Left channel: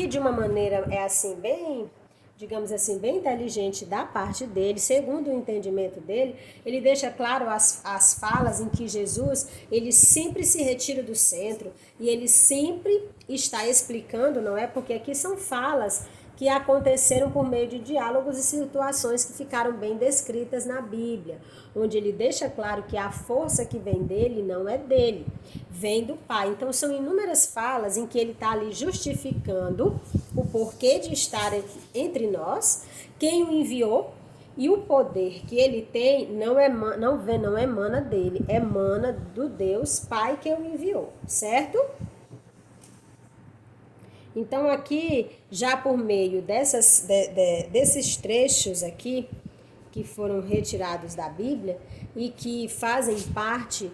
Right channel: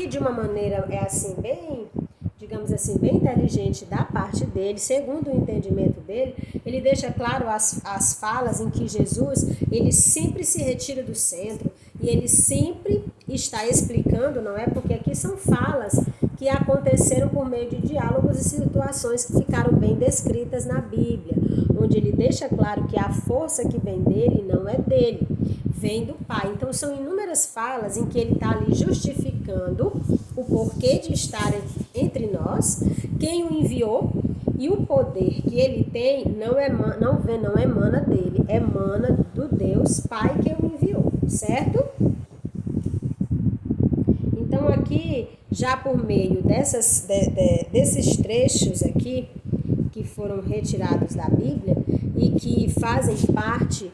aqui de uma maneira assim bem, digamos assim, bem inteligente da parte dele, segundo o entendimento dele, ele deixa claro as falas em que Jesus, ele sempre se retira do centro e ele sempre está explicando, não é? Porque aqui são falas que aconteceram por meio de diálogos e situações que ficaram bem descritas na Bíblia, onde ele deixa claro que a força que vem dele não é dele, vem do Pai. Então são inúmeras falas em que ele está ali justificando o porquê de estar entre nós, quem o enviou e o poder que ele tem não emana dele, emana do Deus Pai que o enviou, certo? Então aqui, já por meio desses trechos aqui, que foram retirados da Bíblia e que fazem parte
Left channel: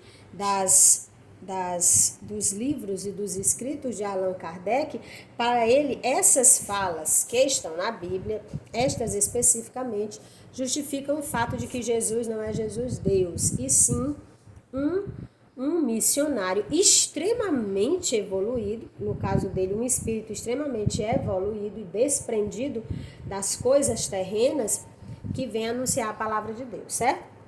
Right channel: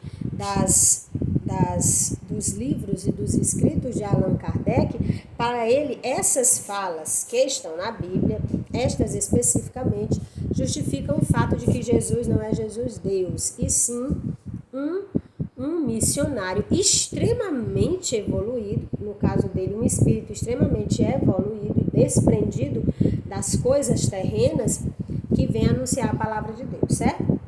dos livros e dos escritos de Allan Kardec, para ele essas falas que estão na Bíblia, estas especificamente, justificam o fato de que Jesus não é Jesus Deus, e sim um missionário extremamente evoluído, no caso dele um espírito extremamente evoluído e desprendido das coisas terrenas, que vem anunciar a palavra de Deus, certo?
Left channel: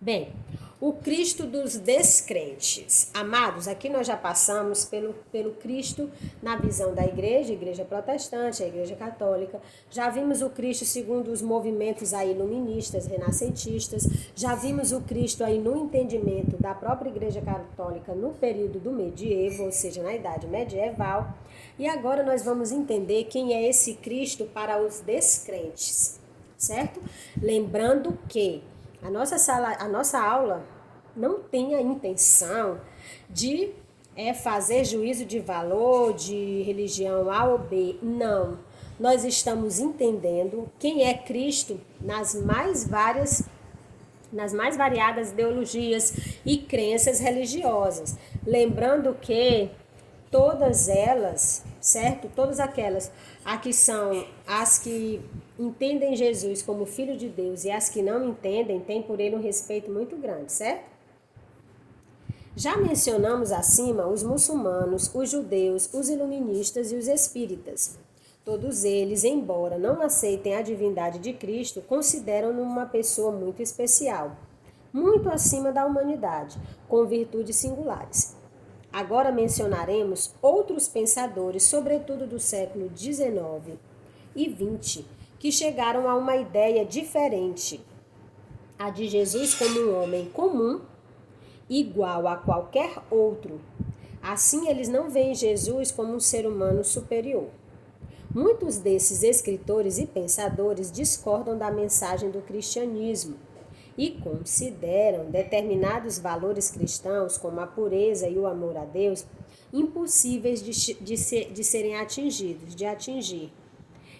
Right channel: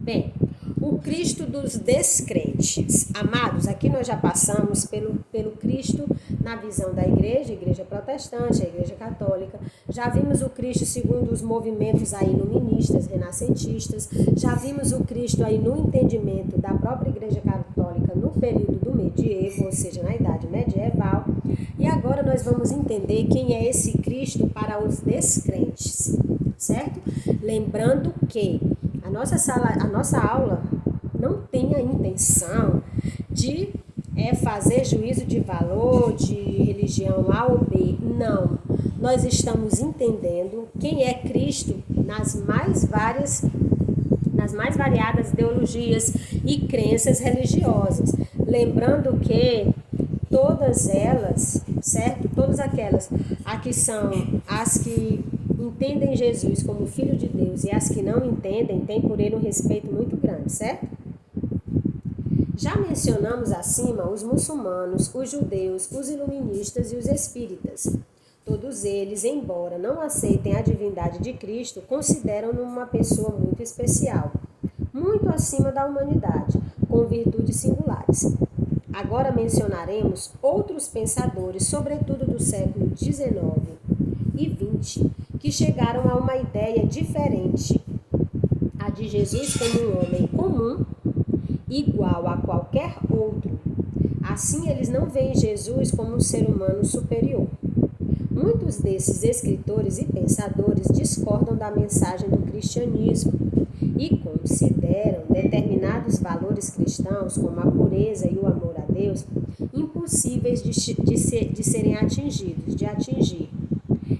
Bem, o Cristo dos descrentes. Amados, aqui nós já passamos pelo Cristo na visão da igreja protestante, a igreja católica. Já vimos o Cristo segundo os movimentos aí iluministas, renascentistas. Já vimos o Cristo aí no entendimento da própria igreja católica no período do medievo, ou seja, na idade medieval. E agora nós vamos entender quem é esse Cristo para os descrentes, certo? Lembrando que a nossa aula não tem a intenção de fazer juízo de valor, de religião A ou B. Não. Nós estamos entendendo quem é Cristo nas mais variadas ideologias e crenças religiosas. Lembrando que todas elas, certo? Todas aquelas aqui são as que entendem Jesus como Filho de Deus e as que não entendem, têm por ele um respeito muito grande, certo? Já mencionamos acima os muçulmanos, os judeus, os iluministas e os espíritas. Todos eles, embora não aceitem a divindade de Cristo, consideram-no uma pessoa muito especial, muito acima da humanidade, com virtudes singulares. Agora mencionaremos outros pensadores, sobretudo do século XIX e XX, que chegaram a uma ideia diferente, a de Jesus como um homem comum, igual a qualquer outro. Assim, eles não veem Jesus como um ser humano superior. Muitos desses escritores e pensadores discordam da mensagem do cristianismo e consideram determinados valores cristãos, como a pureza e o amor a Deus, impossíveis de serem atingidos, de atingir.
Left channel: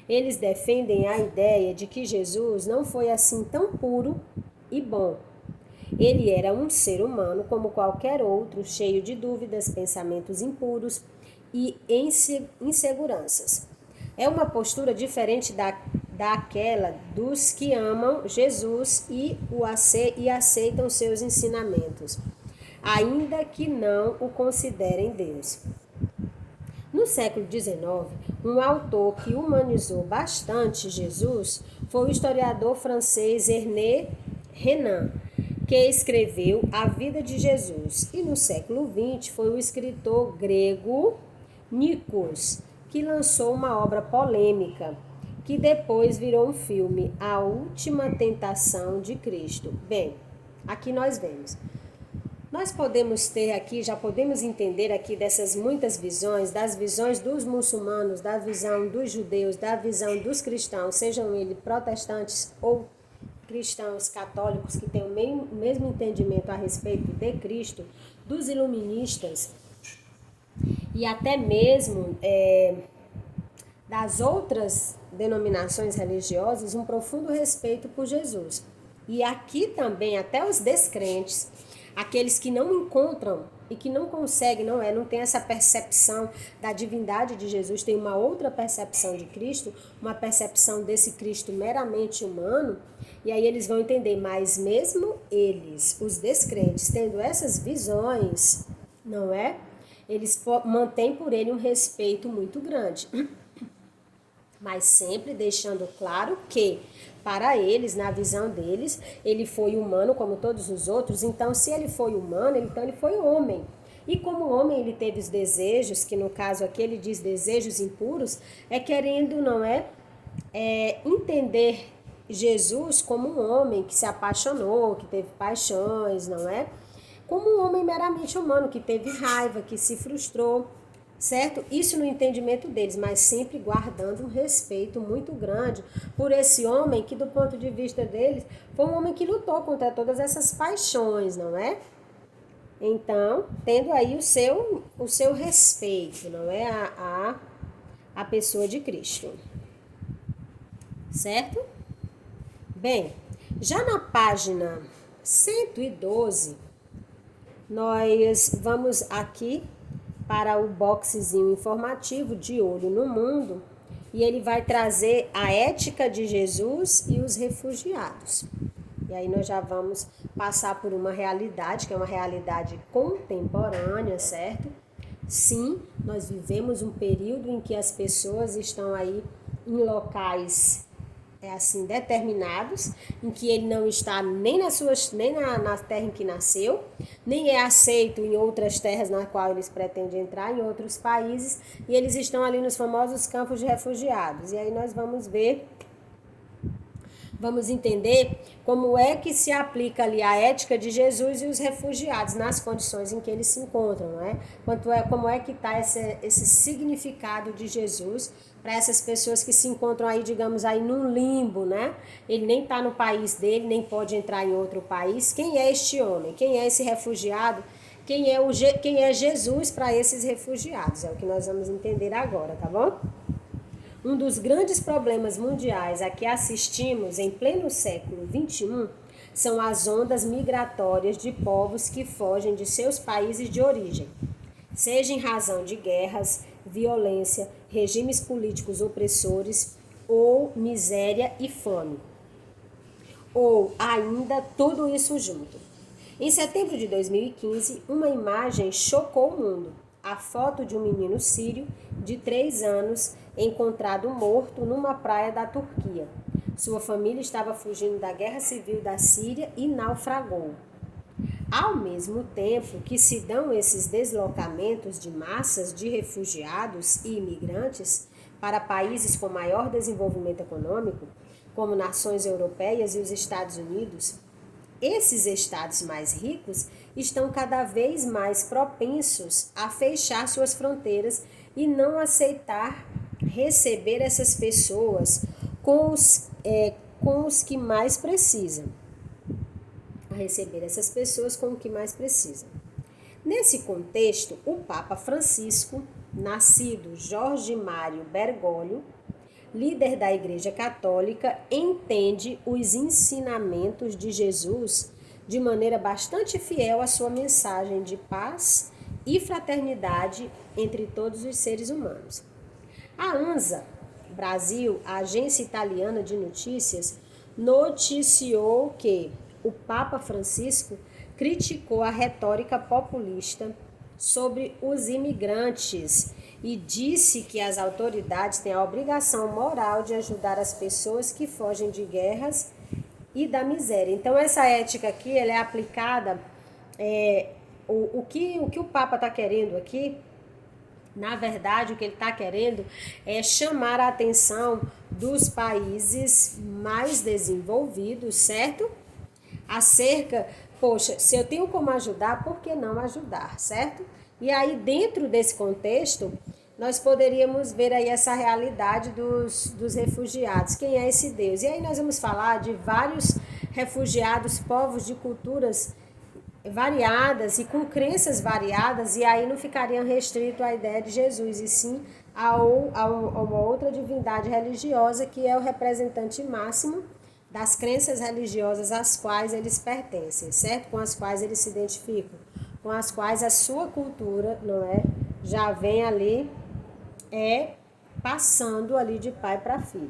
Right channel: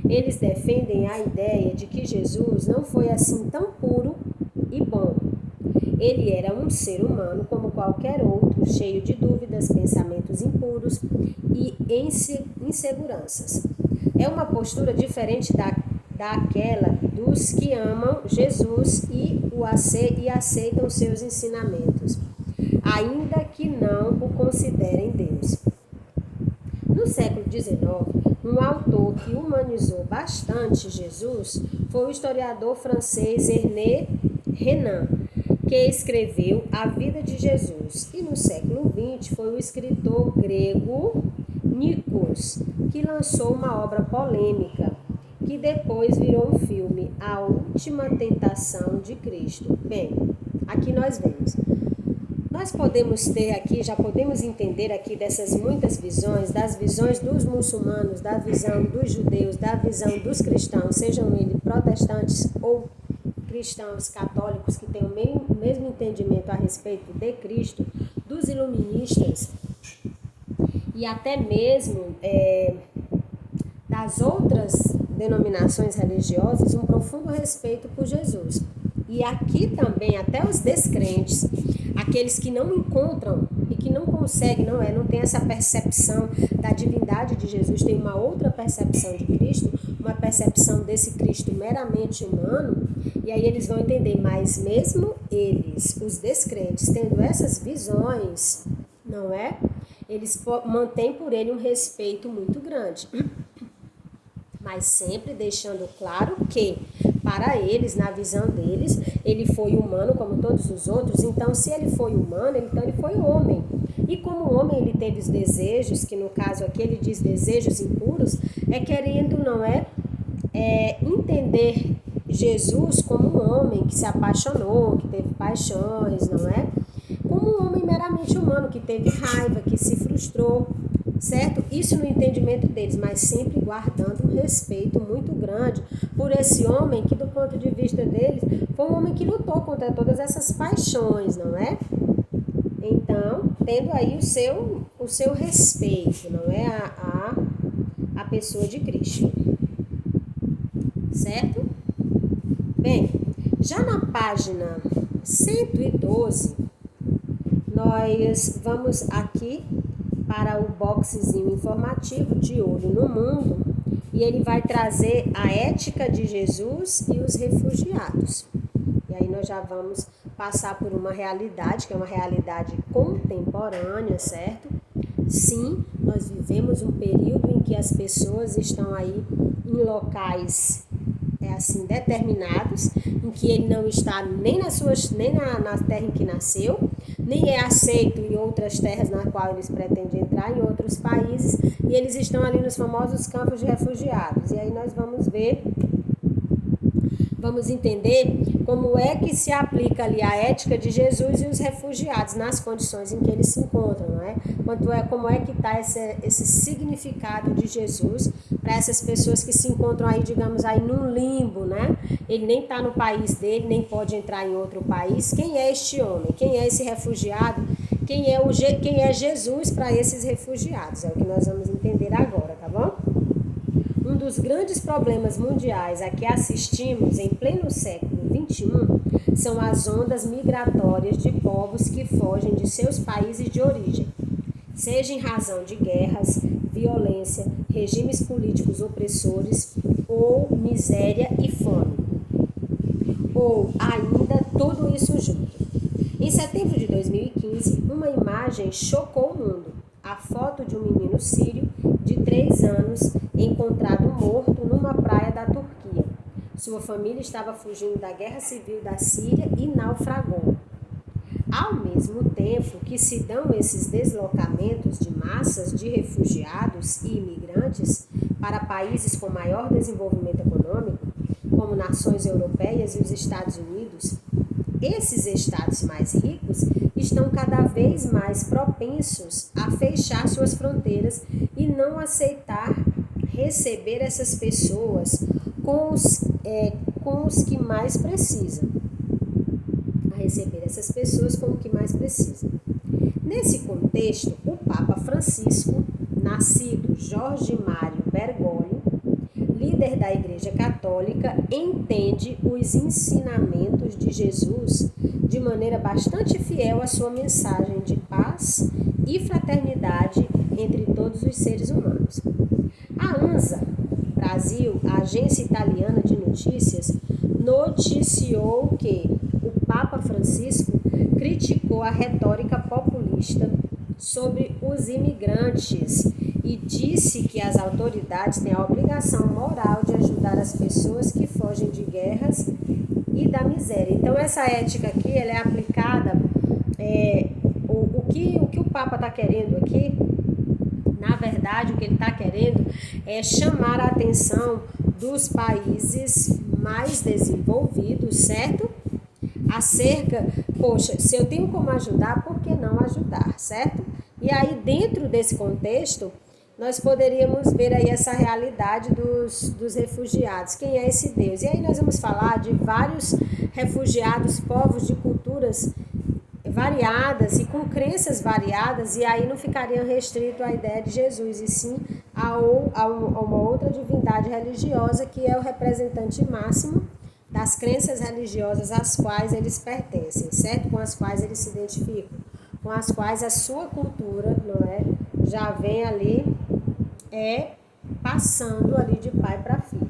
Eles defendem a ideia de que Jesus não foi assim tão puro e bom. Ele era um ser humano como qualquer outro, cheio de dúvidas, pensamentos impuros e inseguranças. É uma postura diferente daquela dos que amam Jesus e aceitam seus ensinamentos, ainda que não o considerem Deus. No século XIX, um autor que humanizou bastante Jesus foi o historiador francês Ernest Renan, que escreveu A Vida de Jesus. E no século XX foi o escritor grego Nikos, que lançou uma obra polêmica, que depois virou um filme, A Última Tentação de Cristo. Bem, aqui nós vemos. Nós podemos ter aqui, já podemos entender aqui dessas muitas visões, das visões dos muçulmanos, da visão dos judeus, da visão dos cristãos, sejam eles protestantes ou cristãos católicos que têm o mesmo entendimento a respeito de Cristo, dos iluministas e até mesmo das outras denominações religiosas, um profundo respeito por Jesus. E aqui também até os descrentes, aqueles que não encontram e que não conseguem, não tem essa percepção da divindade de Jesus, tem uma outra percepção de Cristo, uma percepção desse Cristo meramente humano, e aí eles vão entender, mas mesmo eles, os descrentes, tendo essas visões, não é? eles mantêm por ele um respeito muito grande. Mas sempre deixando claro que, para eles, na visão deles, ele foi humano como todos os outros. Então, se ele foi humano, então ele foi homem. E como homem ele teve os desejos, que no caso aqui ele diz desejos impuros, querendo, não é entender Jesus como um homem que se apaixonou, que teve paixões, não é? Como um homem meramente humano, que teve raiva, que se frustrou, certo? Isso no entendimento deles, mas sempre guardando um respeito muito grande por esse homem que, do ponto de vista deles, foi um homem que lutou contra todas essas paixões, não é? Então, tendo aí o seu respeito, não é? A pessoa de Cristo, certo? Bem, já na página 112, nós vamos aqui para o boxezinho informativo de Olho no Mundo e ele vai trazer a ética de Jesus e os refugiados. E aí nós já vamos passar por uma realidade, que é uma realidade contemporânea, certo? Sim, nós vivemos um período em que as pessoas estão aí em locais assim determinados, em que ele não está nem na terra em que nasceu, nem é aceito em outras terras na qual eles pretendem entrar, em outros países, e eles estão ali nos famosos campos de refugiados. E aí nós vamos entender como é que se aplica ali a ética de Jesus e os refugiados nas condições em que eles se encontram, não é? Como é que está esse significado de Jesus para essas pessoas que se encontram aí, digamos, aí num limbo, né? Ele nem está no país dele, nem pode entrar em outro país. Quem é este homem? Quem é esse refugiado? Quem é Jesus para esses refugiados? É o que nós vamos entender agora, tá bom? Um dos grandes problemas mundiais a que assistimos em pleno século XXI são as ondas migratórias de povos que fogem de seus países de origem, seja em razão de guerras, violência, regimes políticos opressores ou miséria e fome, ou ainda tudo isso junto. Em setembro de 2015, uma imagem chocou o mundo. A foto de um menino sírio de 3 anos encontrado morto numa praia da Turquia. Sua família estava fugindo da guerra civil da Síria e naufragou. Ao mesmo tempo que se dão esses deslocamentos de massas de refugiados e imigrantes para países com maior desenvolvimento econômico, como nações europeias e os Estados Unidos, esses estados mais ricos estão cada vez mais propensos a fechar suas fronteiras e não aceitar receber essas pessoas com os que mais precisam. Nesse contexto, o Papa Francisco, nascido Jorge Mário Bergoglio, líder da Igreja Católica, entende os ensinamentos de Jesus de maneira bastante fiel à sua mensagem de paz e fraternidade entre todos os seres humanos. A ANSA Brasil, a agência italiana de notícias, noticiou que o Papa Francisco criticou a retórica populista sobre os imigrantes e disse que as autoridades têm a obrigação moral de ajudar as pessoas que fogem de guerras e da miséria. Então, essa ética aqui, ela é aplicada, o que o Papa está querendo aqui, na verdade, o que ele está querendo é chamar a atenção dos países mais desenvolvidos, certo? Poxa, se eu tenho como ajudar, por que não ajudar, certo? E aí, dentro desse contexto, nós poderíamos ver aí essa realidade dos refugiados. Quem é esse Deus? E aí nós vamos falar de vários refugiados, povos de culturas variadas e com crenças variadas, e aí não ficaria restrito à ideia de Jesus, e sim a uma outra divindade religiosa que é o representante máximo das crenças religiosas às quais eles pertencem, certo? Com as quais eles se identificam, com as quais a sua cultura, não é, já vem ali passando ali de pai para filho.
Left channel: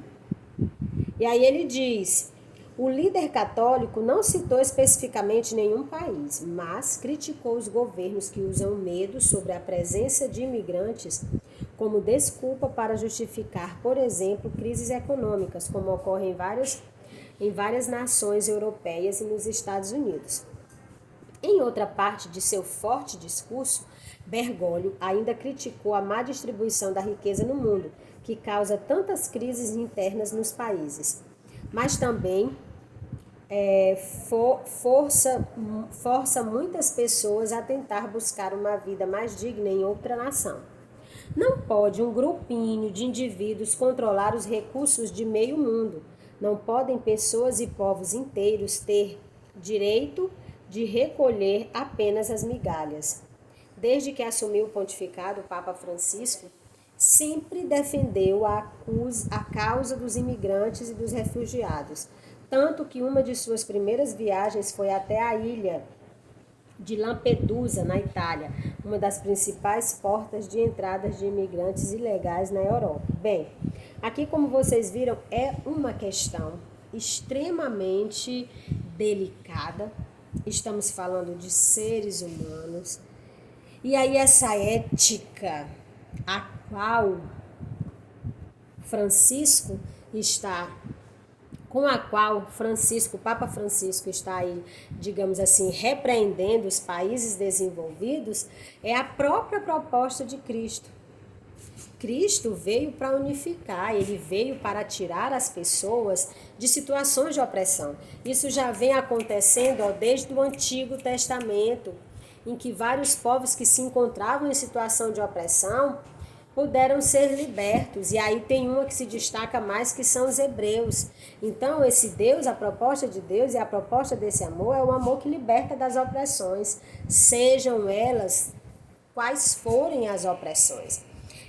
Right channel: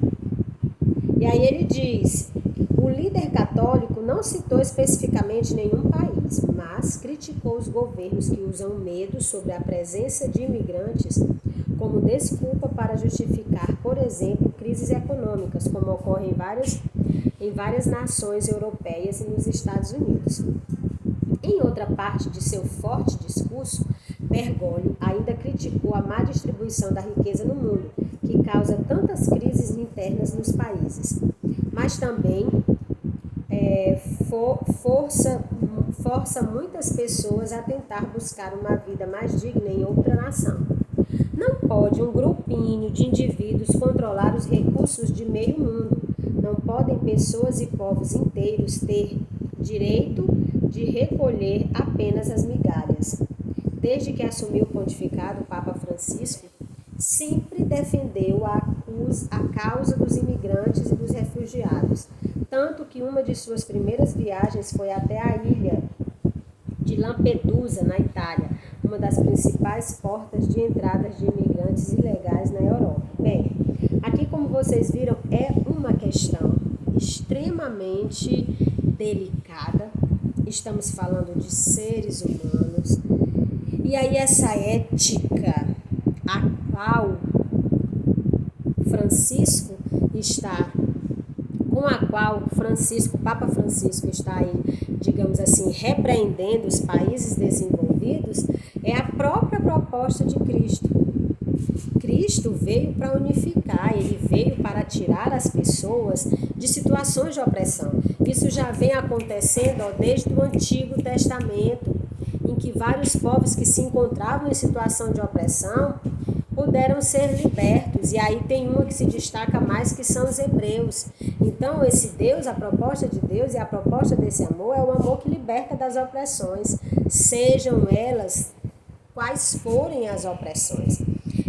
E aí ele diz: O líder católico não citou especificamente nenhum país, mas criticou os governos que usam medo sobre a presença de imigrantes como desculpa para justificar, por exemplo, crises econômicas, como ocorre em várias nações europeias e nos Estados Unidos. Em outra parte de seu forte discurso, Bergoglio ainda criticou a má distribuição da riqueza no mundo, que causa tantas crises internas nos países, mas também força muitas pessoas a tentar buscar uma vida mais digna em outra nação. Não pode um grupinho de indivíduos controlar os recursos de meio mundo. Não podem pessoas e povos inteiros ter direito de recolher apenas as migalhas. Desde que assumiu o pontificado, o Papa Francisco sempre defendeu a causa dos imigrantes e dos refugiados, tanto que uma de suas primeiras viagens foi até a ilha de Lampedusa, na Itália, uma das principais portas de entrada de imigrantes ilegais na Europa. Bem, aqui como vocês viram, é uma questão extremamente delicada. Estamos falando de seres humanos. E aí essa ética a qual o Papa Francisco está aí, digamos assim, repreendendo os países desenvolvidos, é a própria proposta de Cristo. Cristo veio para unificar, ele veio para tirar as pessoas de situações de opressão. Isso já vem acontecendo desde o Antigo Testamento, em que vários povos que se encontravam em situação de opressão puderam ser libertos. E aí tem uma que se destaca mais, que são os hebreus. Então esse Deus, a proposta de Deus e a proposta desse amor é o amor que liberta das opressões, sejam elas quais forem as opressões.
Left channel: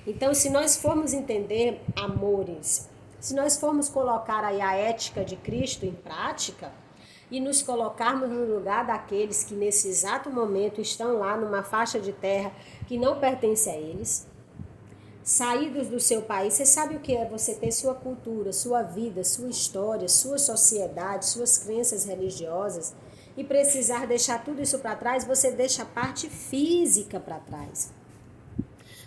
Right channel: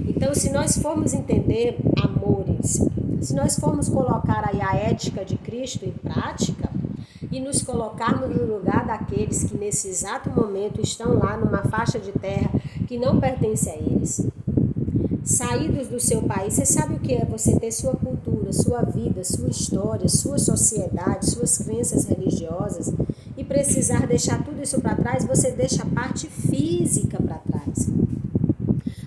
Então, se nós formos entender, amores, se nós formos colocar aí a ética de Cristo em prática e nos colocarmos no lugar daqueles que nesse exato momento estão lá numa faixa de terra que não pertence a eles, saídos do seu país, você sabe o que é você ter sua cultura, sua vida, sua história, sua sociedade, suas crenças religiosas e precisar deixar tudo isso para trás, você deixa a parte física para trás.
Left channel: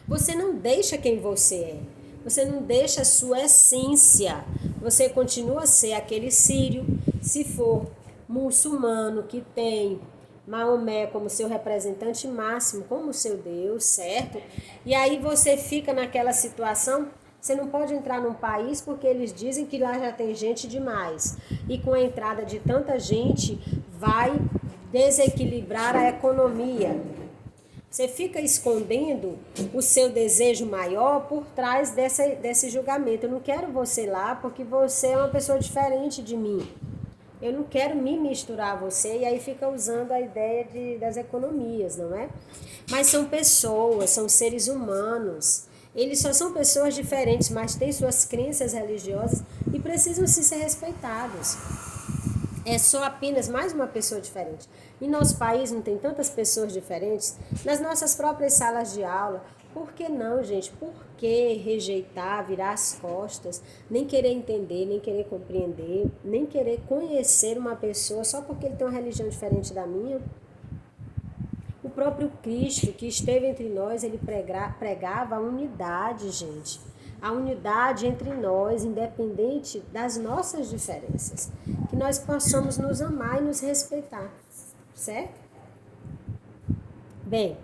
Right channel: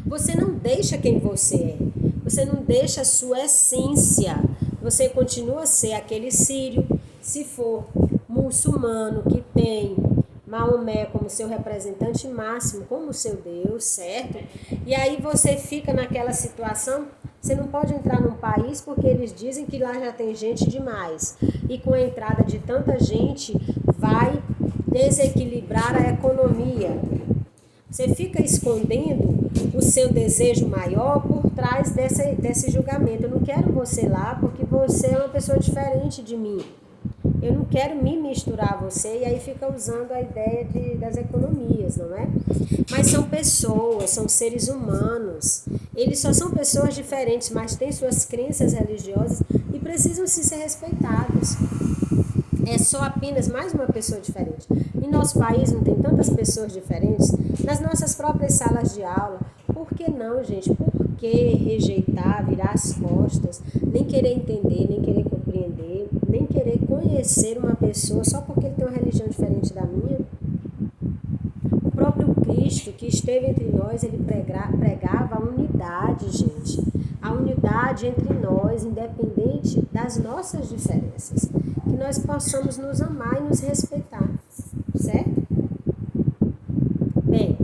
Você não deixa quem você é, você não deixa a sua essência, você continua a ser aquele sírio, se for muçulmano que tem Maomé como seu representante máximo, como seu Deus, certo? E aí você fica naquela situação, você não pode entrar num país porque eles dizem que lá já tem gente demais. E com a entrada de tanta gente, vai desequilibrar a economia. Você fica escondendo o seu desejo maior por trás desse julgamento. Eu não quero você lá porque você é uma pessoa diferente de mim. Eu não quero me misturar a você, e aí fica usando a ideia das economias, não é? Mas são pessoas, são seres humanos. Eles só são pessoas diferentes, mas têm suas crenças religiosas e precisam ser respeitados. É só apenas mais uma pessoa diferente. Em nosso país não tem tantas pessoas diferentes, nas nossas próprias salas de aula. Por que não, gente? Por que rejeitar, virar as costas, nem querer entender, nem querer compreender, nem querer conhecer uma pessoa só porque ele tem uma religião diferente da minha? O próprio Cristo que esteve entre nós, ele pregava a unidade, gente. A unidade entre nós, independente das nossas diferenças. Que nós possamos nos amar e nos respeitar, certo? Bem,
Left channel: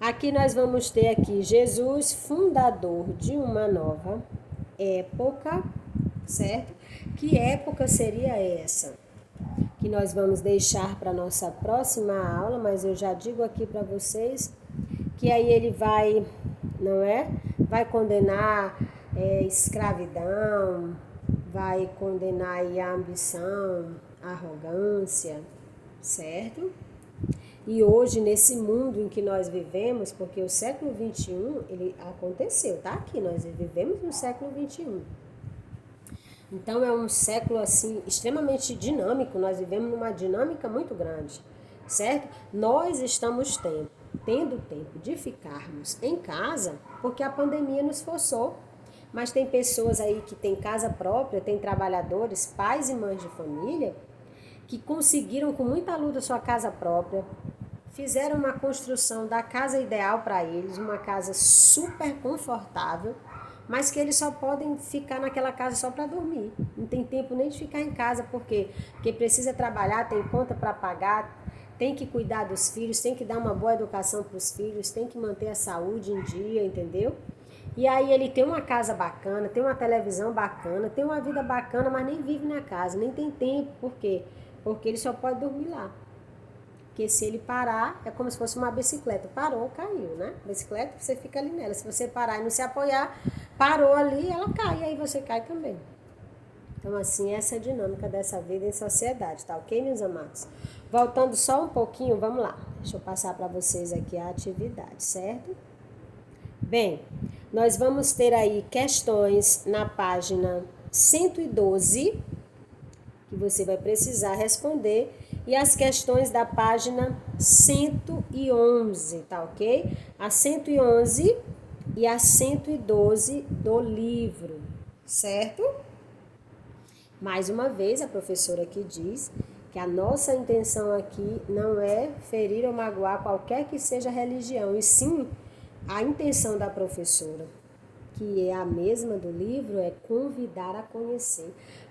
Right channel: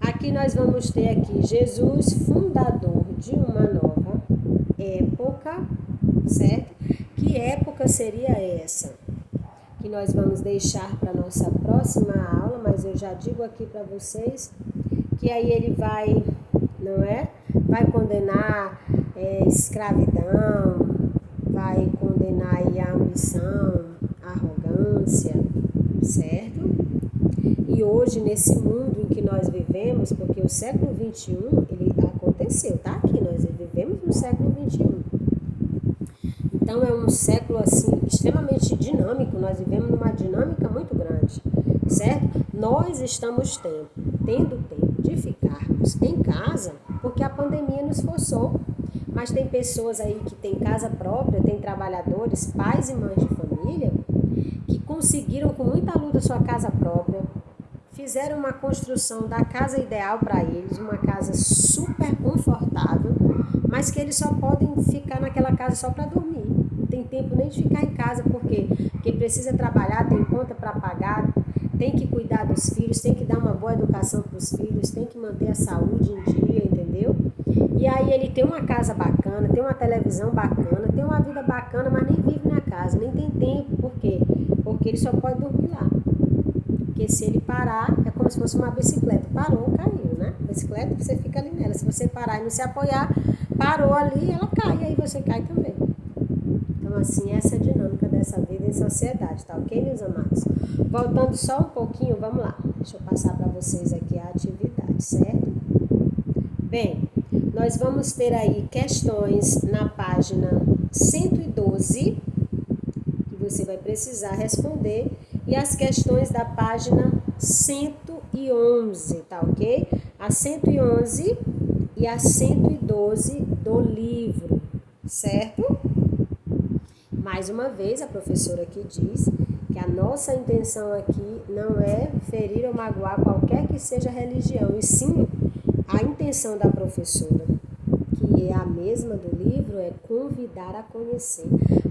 aqui nós vamos ter aqui Jesus, fundador de uma nova época, certo? Que época seria essa? Que nós vamos deixar para nossa próxima aula, mas eu já digo aqui para vocês que aí ele vai, não é? Vai condenar escravidão, vai condenar aí a ambição, a arrogância, certo? E hoje, nesse mundo em que nós vivemos, porque o século XXI, ele aconteceu, tá aqui, nós vivemos no século XXI. Então, é um século, assim, extremamente dinâmico, nós vivemos numa dinâmica muito grande, certo? Nós estamos tendo tempo de ficarmos em casa, porque a pandemia nos forçou. Mas tem pessoas aí que têm casa própria, tem trabalhadores, pais e mães de família, que conseguiram com muita luta sua casa própria, fizeram uma construção da casa ideal para eles, uma casa super confortável, mas que eles só podem ficar naquela casa só para dormir. Não tem tempo nem de ficar em casa, por quê? Porque precisa trabalhar, tem conta para pagar, tem que cuidar dos filhos, tem que dar uma boa educação para os filhos, tem que manter a saúde em dia, entendeu? E aí ele tem uma casa bacana, tem uma televisão bacana, tem uma vida bacana, mas nem vive na casa, nem tem tempo. Por quê? Porque ele só pode dormir lá. Porque se ele parar, é como se fosse uma bicicleta. Parou, caiu, né? Bicicleta, você fica ali nela. Se você parar e não se apoiar, parou ali, ela cai, e aí você cai também. Então, assim, essa é a dinâmica dessa vida em sociedade, tá ok, meus amados? Voltando só um pouquinho, vamos lá. Deixa eu passar para vocês aqui a atividade, certo? Bem, nós vamos ter aí questões na página 112, que você vai precisar responder, e as questões da página 111, tá ok? A 111 e a 112 do livro, certo? Mais uma vez, a professora aqui diz que a nossa intenção aqui não é ferir ou magoar qualquer que seja a religião, e sim a intenção da professora, que é a mesma do livro, é convidar a conhecer.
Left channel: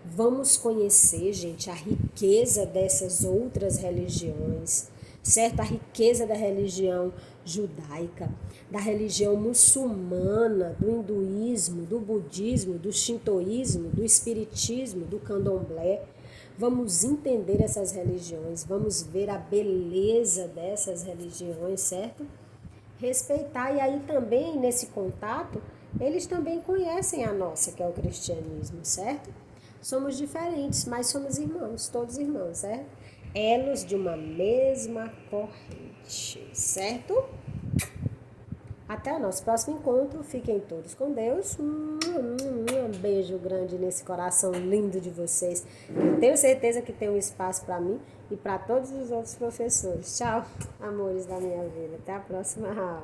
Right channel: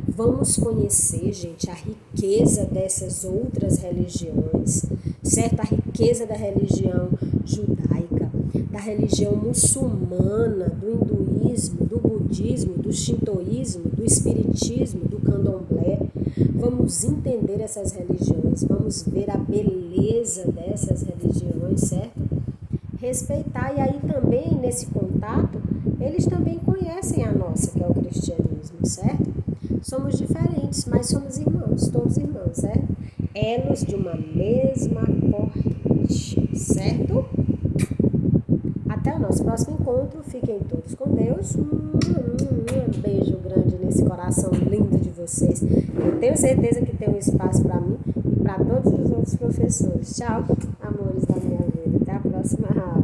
Vamos conhecer, gente, a riqueza dessas outras religiões, certo? A riqueza da religião judaica, da religião muçulmana, do hinduísmo, do budismo, do shintoísmo, do espiritismo, do candomblé. Vamos entender essas religiões, vamos ver a beleza dessas religiões, certo? Respeitar, e aí também nesse contato, eles também conhecem a nossa, que é o cristianismo, certo? Somos diferentes, mas somos irmãos, todos irmãos, certo? Elos de uma mesma corrente, certo? Até o nosso próximo encontro, fiquem todos com Deus, um beijo grande nesse coração lindo de vocês, eu tenho certeza que tem um espaço para mim e para todos os outros professores. Tchau, amores da minha vida, até a próxima aula.